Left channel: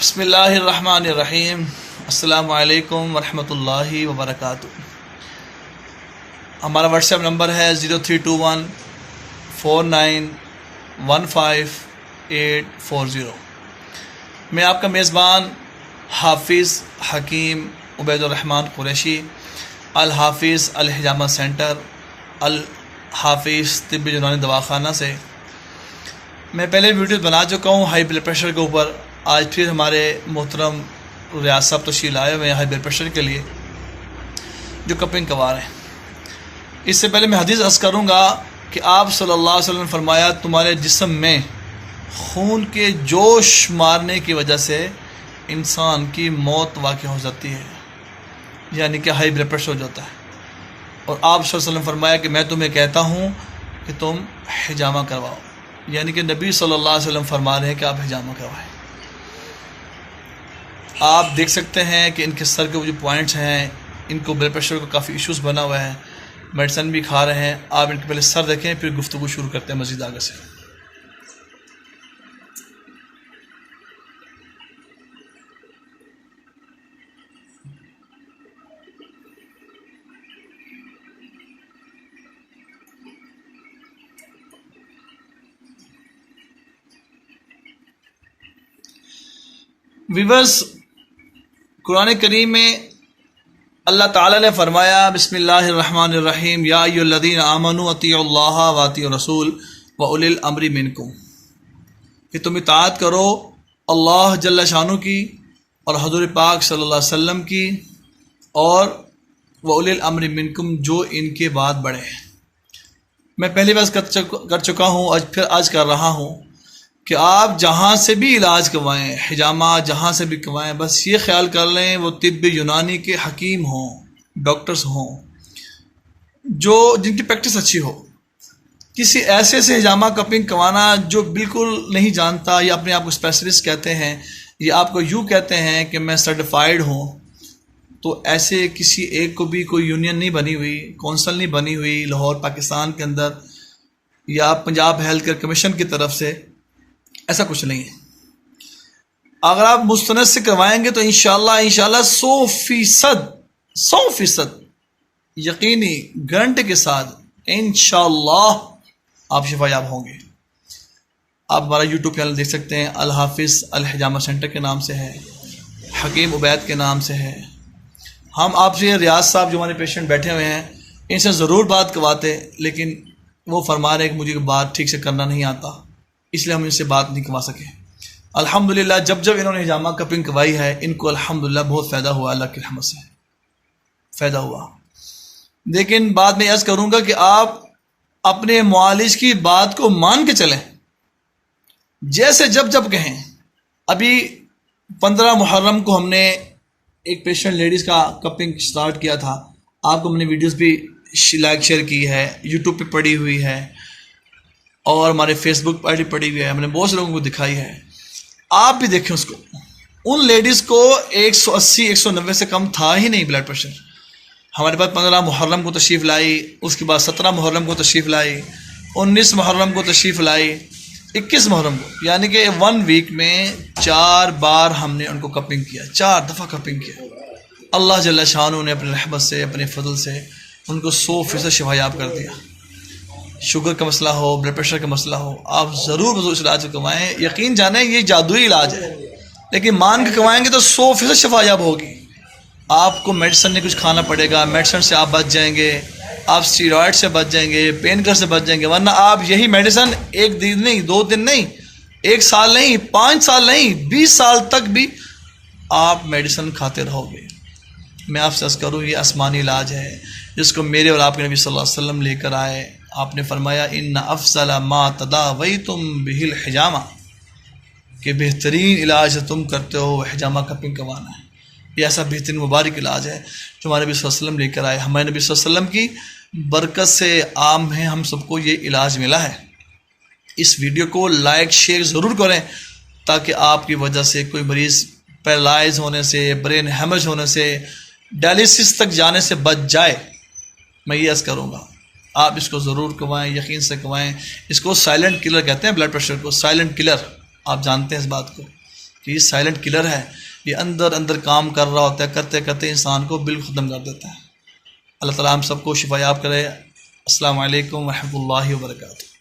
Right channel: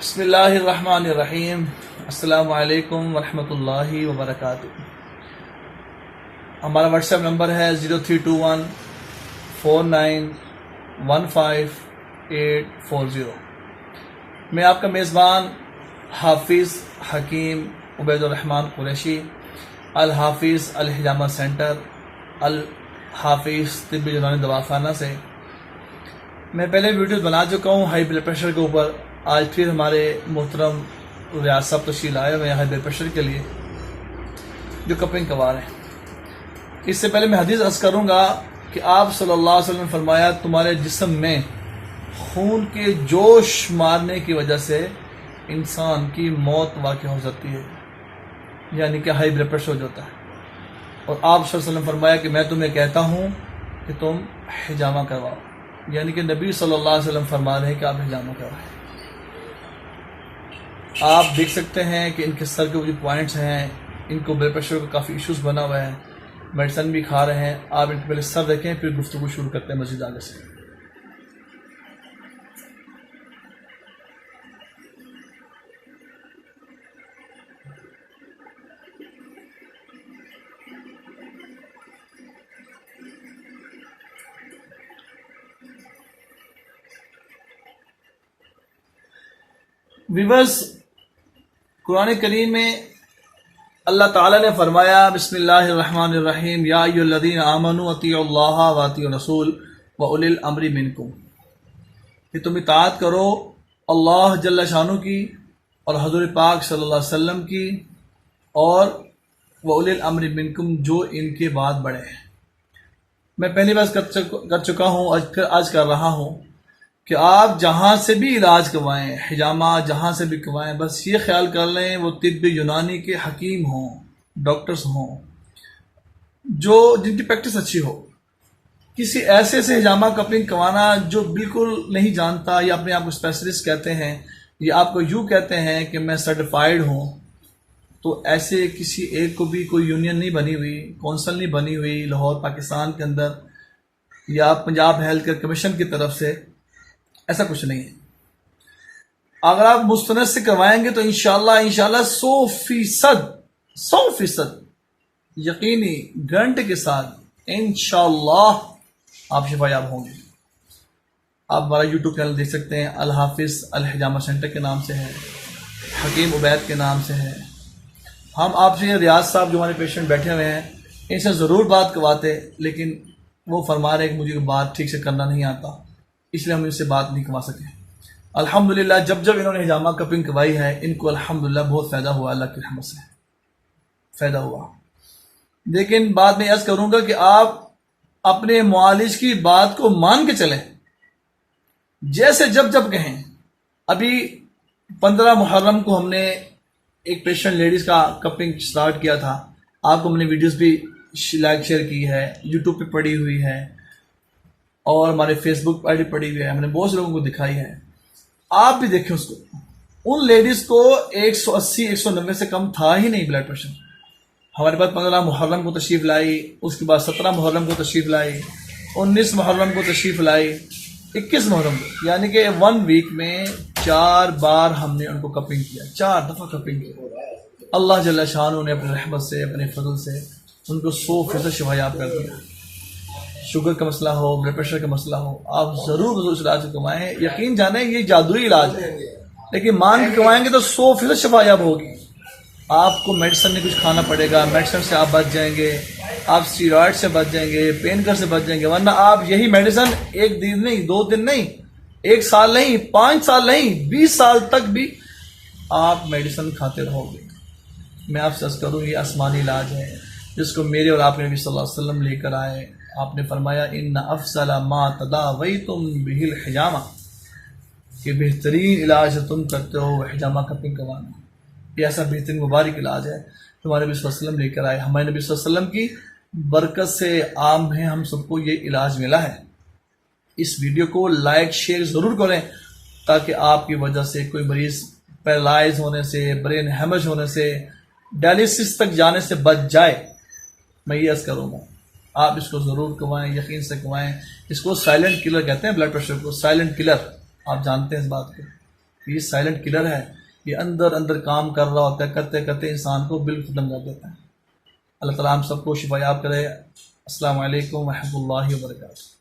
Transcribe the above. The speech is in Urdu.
بسم اللہ الرحمن الرحیم۔ السلام علیکم ورحمۃ اللہ وبرکاتہ۔ ہمارا واٹس ایپ نمبر ہے 032149154840۔ میں آپ کا میزبان حافظ حکیم عبید الرحمن قریشی، الحافظ الحجامہ سینٹر، الحافظ طبی یونانی دواخانہ سے۔ میں پہلے ویڈیو بنا چکا ہوں ہائی بلڈ پریشر کے اوپر۔ آج پھر ہمارے محترم ریاض صاحب تشریف لائے ہوئے ہیں ہائی بلڈ پریشر کے لیے، جو کپنگ کوا رہے ہیں۔ اس سے پہلے میں حدیث عرض کروں گا کہ آپ صلی اللہ علیہ وسلم نے فرمایا، تمہارے جسم میں خون کے جوش مارنے کی وجہ سے انسان کی موت واقع ہو جاتی ہے، یعنی کہ ہائی بلڈ پریشر ہو جاتا ہے۔ اور آپ صلی اللہ علیہ وسلم نے فرمایا کہ میں تمہیں کہتا ہوں کہ تم حجامہ کرواؤ، یعنی کہ نبی صلی اللہ علیہ وسلم فرما رہے ہیں کہ آپ حجامہ کروائیں۔ آپ دیکھ سکتے ہیں کہ ان کے سر کے جو پوائنٹس ہیں، ان کو بلڈ پریشر کا کافی ایشوز بنا ہوا ہے، میڈیسن بھی کھا رہے ہیں۔ آپ ان کے پہلے سر دیکھیں، پھر گفتگو شروع کرتے ہیں مزید آگے سے۔ ویورز، قرآن کریم میں اللہ تعالیٰ نے فرمایا، بسم اللہ الرحمن الرحیم، یا ایھا الذین آمنوا اطیعوا اللہ واطیعوا الرسول واولی الامر منکم، کہ تم اطاعت کرو اللہ جل شانہ کی اور حضور پاک صلی اللہ علیہ وسلم کی، اور واولی الامر منکم، جو ان کے بعد بڑھے ہیں۔ میں پہلی بار کر چکا ہوں، آج کر رہا ہوں کہ آپ جہاں سے بھی علاج کروائیں، حجامہ جہاں سے بھی کروائیں، بس یہ خیال کر لیں وہ طب یونانی کے حکیم ہوں، ڈاکٹرز ہوں، جن کی پریکٹس اچھی ہو۔ کسی ایسے حجامہ کپنگ کروانا جو بالکل نہیں جانتا، یا اپنے آپ کو اسپیشلسٹ کہتے ہیں، یا آپ کو یوں کہتے ہیں کہ میں سرٹیفائیڈ ہوں، تو ایسے کسی ایک کو بھی کوئی یونین نہیں بنی ہوئی، کونسل نہیں بنی ہوئی لاہور پاکستان کے اندر، یا پنجاب ہیلتھ کیئر کمیشن کی طرف سے، ایسا کچھ نہیں ہے۔ اگر آپ مستند سے کروائیں گے تو انشاءاللہ 100% یقینی گارنٹی کے ساتھ انشاءاللہ آپ شفا یاب ہوں گے۔ آپ ہمارا یوٹیوب چینل دیکھ سکتے ہیں، الحافظ الحجامہ سینٹر کے نام سے ہے، حکیم عبید کے نام سے ہے۔ ہم آپ سے ریاض صاحب جو ہمارے پیشنٹ بیٹھے ہوئے ہیں، ان سے ضرور بات کرواتے، لیکن وہ فرما رہے ہیں کہ مجھے بات ٹھیک سے کرنا نہیں آتا، اس لیے ہم ان سے بات نہیں کروا سکے۔ الحمدللہ جب انہوں نے حجامہ کپنگ کروائی ہے، ان کو الحمدللہ بہت فائدہ ہوا، اللہ کی رحمت سے فائدہ ہوا۔ لیکن بعد میں عرض کروں گا کہ آپ اپنے معالج کی بات کو مان کے چلیں، جیسے جب کہیں۔ ابھی 15 محرم کو ہم نے ایک پیشنٹ لیڈیز کا کپنگ سٹارٹ کیا تھا، آپ کو ہم نے ویڈیوز بھی لائک شیئر کی ہے، یوٹیوب پہ پڑی ہوئی ہے، اور ہمارے فیس بک پر بھی پڑی ہوئی ہے، ہم نے بہت سے لوگوں کو دکھائی ہے۔ آپ بھی دیکھیں اس کو، ان لیڈیز کو 180-190 سے کم تھا ہی نہیں بلڈ پریشر۔ ہمارے پاس 15 محرم کو تشریف لائی، اس کے بعد 17 محرم کو تشریف لائی، 19 محرم کو تشریف لائی، 21 محرم کو، یعنی کہ 1 ویک میں 4 بار ہم نے ان کو کپنگ کیا، 4 دفعہ کپنگ کیا۔ اللہ جل شانہ نے اپنے رحمت سے، اپنے فضل سے ان کو 100% شفا یاب کر دیا۔ شوگر کا مسئلہ ہو، بلڈ پریشر کا مسئلہ ہو، آپ ضرور اس علاج کو کروائیں۔ یقین جانیں یہ جادوئی علاج ہے، لیکن مان کے کروائیں گے تو 100% شفا یاب ہوگی۔ آپ کو میڈیسن نہیں کچھ کھانا پڑے گا، میڈیسن سے آپ بچ جائیں گے، آپ اسٹیرائڈ سے بچ جائیں گے، پین کلر سے بچ جائیں گے، ورنہ آپ یہی میڈیسن 1 دن نہیں، 2 دن نہیں، 1 سال نہیں، 5 سال نہیں، 20 سال تک بھی آپ میڈیسن کھاتے رہو گے۔ میں آپ سے عرض کروں، یہ آسمانی علاج ہے جس کو میرے اور آپ کے نبی صلی اللہ علیہ وسلم لے کر آئے۔ آپ نے فرمایا، ان افضل ما تداویتم بہ الحجامہ، کہ بہترین علاج تم کرتے ہو حجامہ کپنگ کروانا ہے۔ یہ ایسا بہترین مبارک علاج ہے جو ہمارے نبی صلی اللہ علیہ وسلم لے کر آئے۔ ہمارے نبی صلی اللہ علیہ وسلم کی برکت سے عام ہے ہم سب کو یہ علاج ملا ہے۔ اس ویڈیو کو لائک شیئر ضرور کریں، تاکہ آپ کی وجہ سے کوئی مریض پیرالائز ہونے سے، برین ہیمج ہونے سے، ڈائلیسس تک جانے سے بچ جائے۔ میں یہ عرض کروں گا، آپ اس کو ضرور کروائیں، یقین سے کروائیں۔ اس کو سائلنٹ کلر کہتے ہیں، بلڈ پریشر کو سائلنٹ کلر، آپ جانتے ہیں اس بات کو۔ کہ یہ سائلنٹ کلر ہے، یہ اندر اندر کام کر رہا ہوتا ہے، کرتے کرتے انسان کو بالکل ختم کر دیتا ہے۔ اللہ تعالیٰ ہم سب کو شفا یاب کرے۔ السلام علیکم ورحمۃ اللہ وبرکاتہ۔